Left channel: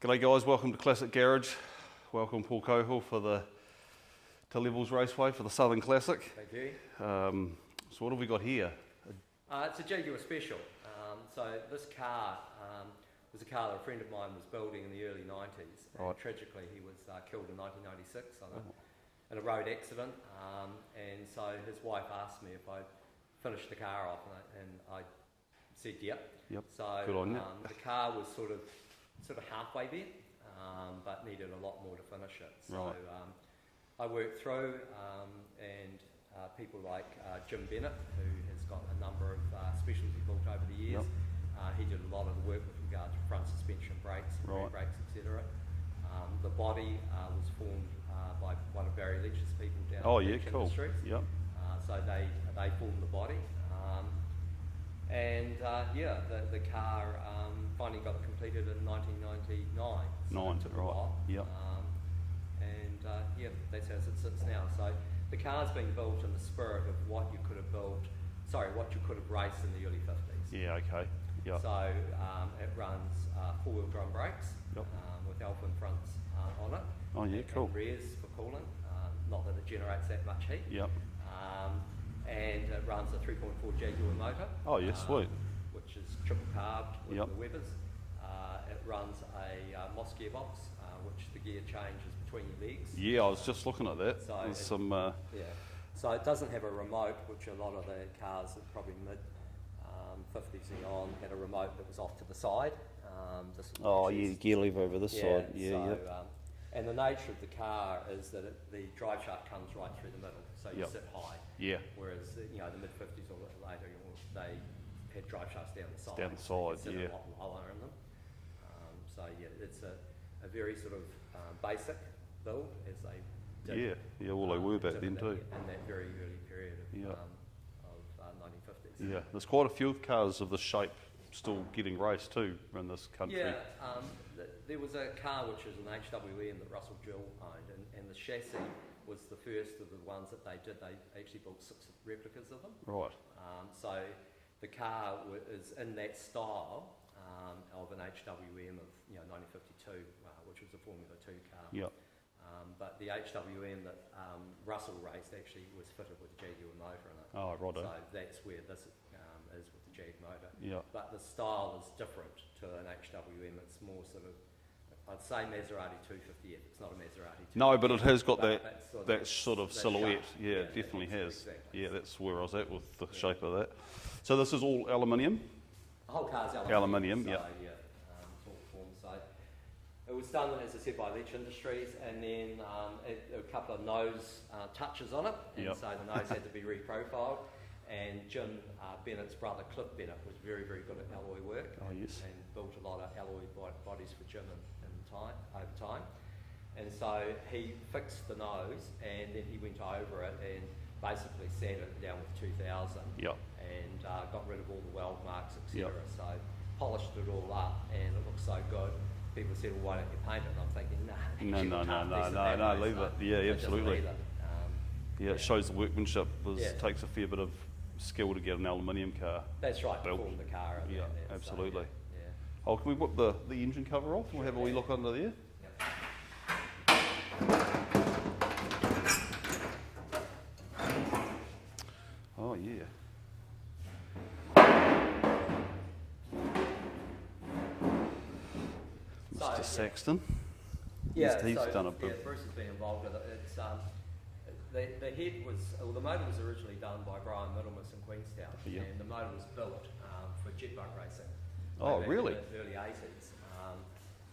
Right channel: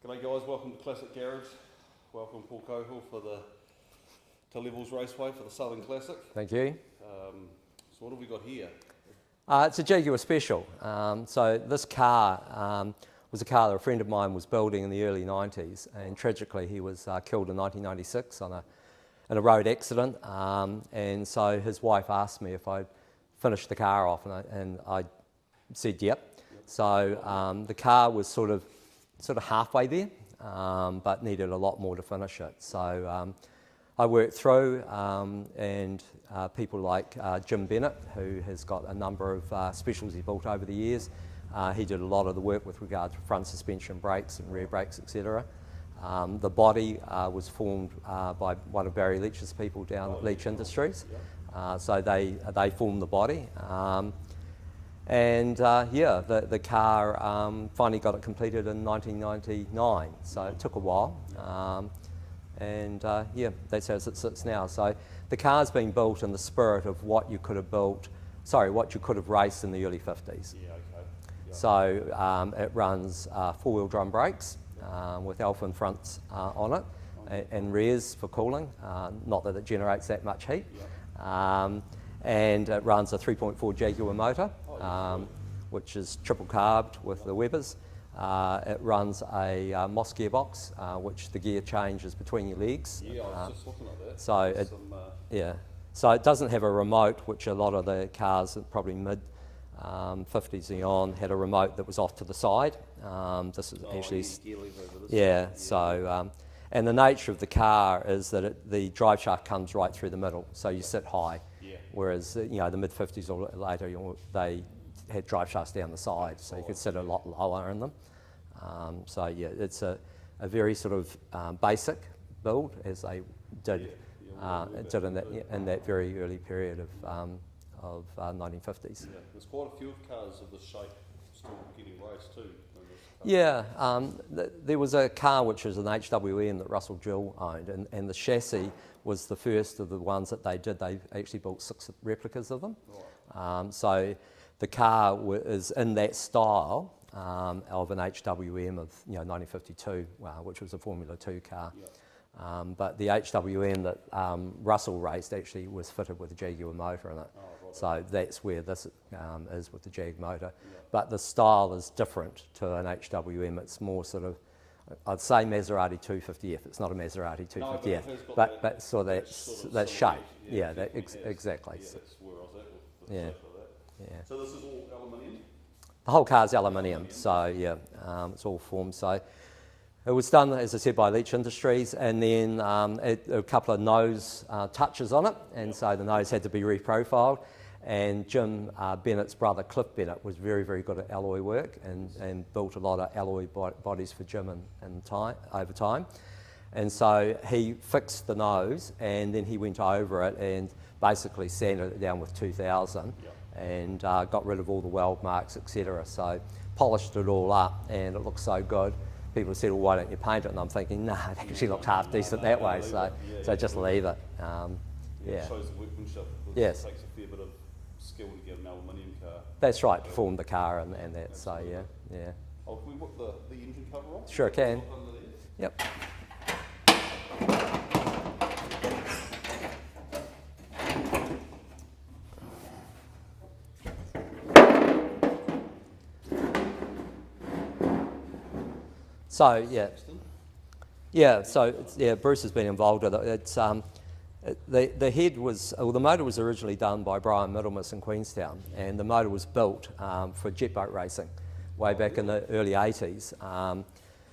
G'day guys, welcome to Classic Garage. Welcome Paul Coghil for the Levels Raceway for the Southern Classic. Thank you. So what have we got here? It's a Jaguar Special. So this car was a car that a friend of mine was building in the early 90s, and tragically he was killed in 1996 in a road accident. And so his wife asked me if I'd finish the car off, and I said yep. So the car was sort of halfway there, but needed a lot more to finish it. So I worked through, and people like Jim Bennett, who has got a number of specials he built over the years. He did a lot of the work with regard to front suspension, brakes and rear brakes, etc. The body was formed by one of Barry Leach's people down at Leach Industries. So they formed the body. The car finally got it completed in 1999, so it took a while. That's how it sits now. So the car's been built in the spirit of what you could have raced in the early 50s. So it runs four-wheel drum brakes with Alpha fronts on it, and rears for cooling, not that it generates that much heat. And it runs a 3.4 Jaguar motor, which is triple carbed with the Webers. It runs a Moss gearbox, which the gear changes between your legs. I was just looking at that. So it doesn't have a remote, which a lot of the cars, probably mid 50s and on, had a remote that was off to the side. This is actually gear lever over this side. And the nature of the car is that the drive shaft comes right through the middle, so you sit high. Whereas the mid 50s or later, they had drive shafts down the side, so you could sit a lot lower in them. It's a very sort of basic build, as they did, in that very early period of 1950s. There's quite a few cars of this shape still getting raced too in this country. There was a car which was an HWM that Russell Gill owned, and the chassis was the first of the ones that they did. They actually built 6 replicas of them. So the car is in that style of an HWM of 1952, which was a Formula 2 car. But the HWM that Russell raced actually was fitted with a Jaguar motor in it. So that's where this is with the Jag motor. But the style is different to an HWM. It's more sort of, I'd say Maserati 250F. It's not a Maserati 250F. No, but it has got that sort of silhouette. Shape. It definitely has. Exactly. That's where I was at with the shape of that. So this is all aluminium? The whole car's aluminium. So it's all formed. So it was done, as I said, by Leach Industries, and then a couple of nose touches on it, and so the nose had to be reprofiled. And Jim Bennett's brother, Cliff Bennett, was very, very good at alloy work, and built a lot of alloy bodies for Jim over time. And so he fixed the nose, and then he went over it and basically sanded it down with 2000, and got rid of all the weld marks, etc. So polished it all up, and it looks so good. People said, well, why don't you paint it? And I'm thinking, it actually looked half decent that way, so just leave it. It shows the workmanship. It takes a fair bit of skill to get an aluminium car. That's right, to form the car and that. Absolutely. So, can we whip the engine cover off? Sure can. Look under there. Yep. So Saxton. Bruce has been involved with it. It's the head was, the motor was originally done by Brian Middlemas in Queenstown, and the motor was built for jet boat racing way back in the early 80s,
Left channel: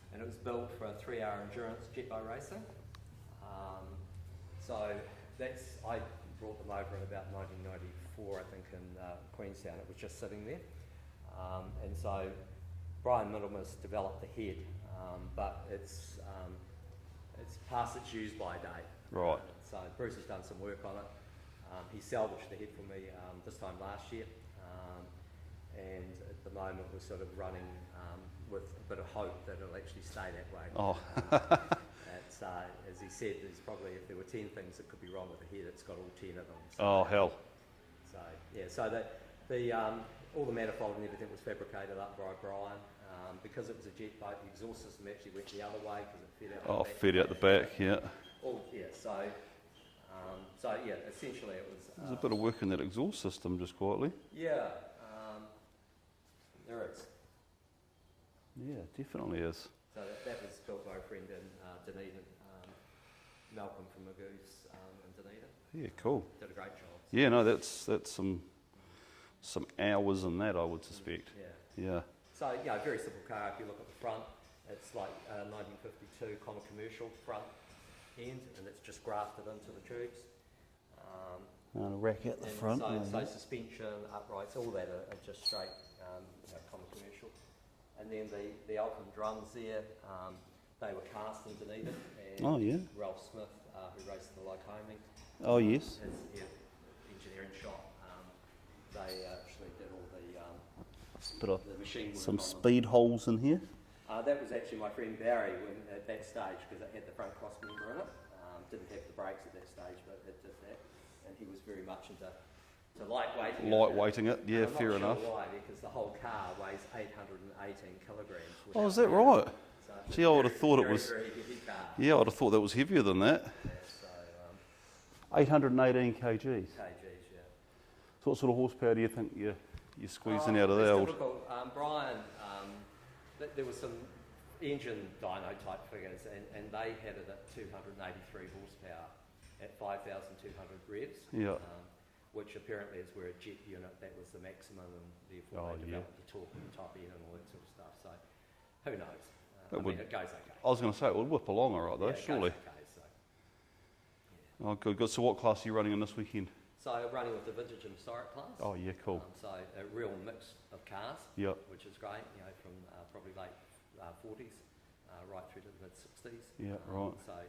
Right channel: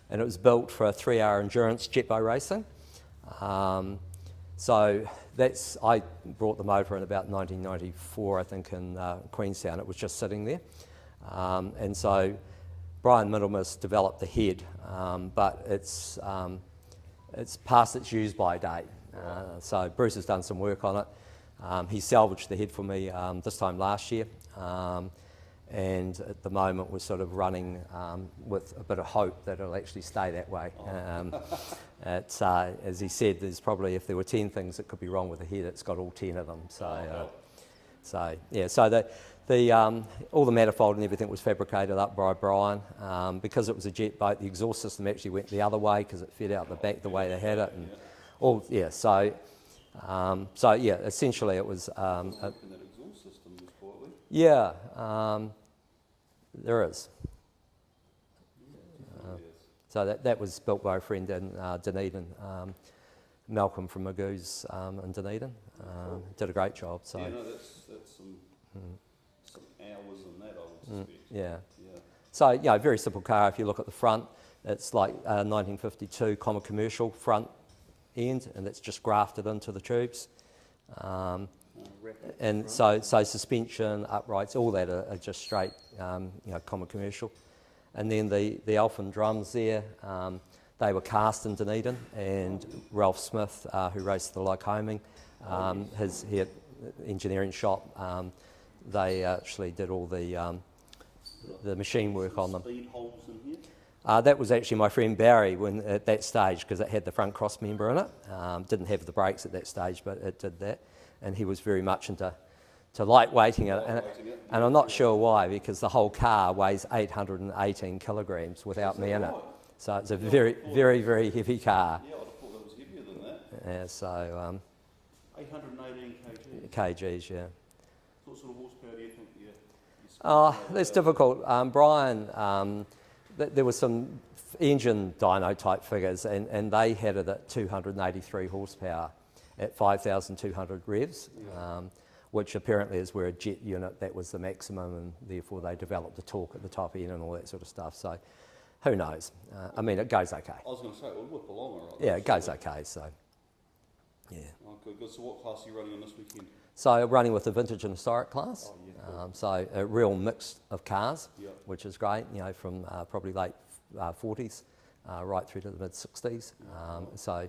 and it was built for a 3-hour endurance jet boat racing. So I brought the motor in about 1994, I think, in Queenstown. It was just sitting there, and so Brian Middlemas developed the head, but it's past its use-by date. So Bruce has done some work on it. He salvaged the head for me this time last year, and at the moment we're sort of running with a bit of hope that it'll actually stay that way. As he said, there's probably, if there were 10 things that could be wrong with the head, it's got all 10 of them. So, hell. So All the manifold and everything was fabricated up by Brian. Because it was a jet boat, the exhaust system actually went the other way because it fed out the back the way they had it. Yeah. So yeah, essentially it was... a bit of work in that exhaust system, just quietly. Yeah, there is. Yeah, definitely is. So that was built by a friend in Dunedin, Malcolm from Magoo's in Dunedin. Yeah, cool. Did a great job. So. Yeah, no, that's some hours in that, I would suspect. Yeah. So, you know, very simple car. If you look at the front, it's like a 1952 common commercial front end, and it's just grafted into the tubes. Racket And front. so suspension, uprights, all that are just straight, common commercial. And then the Elfin drums there, they were cast in Dunedin, and Ralph Smith, who raced the Lycoming, his engineering shop, they actually did all the machine work on them. Speed holes in here. That was actually my friend Barry at that stage, because it had the front cross member in it. Didn't have the brakes at that stage, but it did that. And he was very much into lightweighting it. Yeah, and I'm not sure why, because the whole car weighs 818 kilograms without is that me in right? it. So it's a Gee, very heavy car. Yeah, I'd have thought that was heavier than that. Yeah, so 818 kg. kgs, yeah. So what sort of horsepower do you think you're squeezing out of that? It's difficult. Brian, there was some engine dyno type figures, and they had it at 283 horsepower at 5,200 revs. Yeah. Which apparently is where a jet unit, that was the maximum, and therefore they developed the torque at the top end and all that sort of stuff. So who knows? I mean, it goes okay. I was going to say, it would whip along all right, though, Yeah, it goes surely. okay, so yeah. Oh, good. So what class are you running in this weekend? So running with the vintage and historic class. Oh, yeah, cool. So a real mix of cars, Yep. which is great, from probably late 40s right through to the mid-60s. Yeah, right. So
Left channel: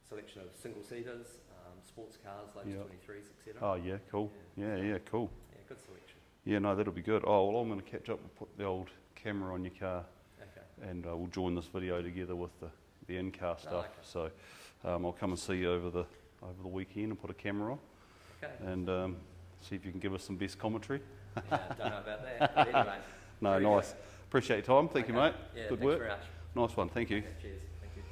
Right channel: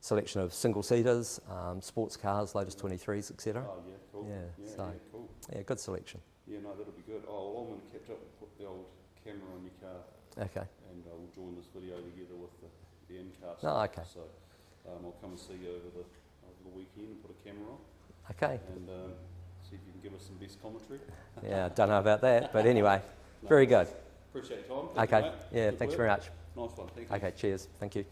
selection of single-seaters, sports cars, latest 23s, etc. Oh, yeah, cool. Yeah, cool. Yeah, good selection. Yeah, no, that'll be good. Oh, well, I'm going to catch up and put the old camera on your car. Okay. And we'll join this video together with the in-car stuff. Oh, okay. So I'll come and see you over the weekend and put a camera on. Okay. And see if you can give us some best commentary. Yeah, don't know about that, but anyway, No, very nice. good. Appreciate your time. Thank you, Okay. mate. Yeah, Good thanks work. very much. Nice one. Thank you. Okay, cheers. Thank you.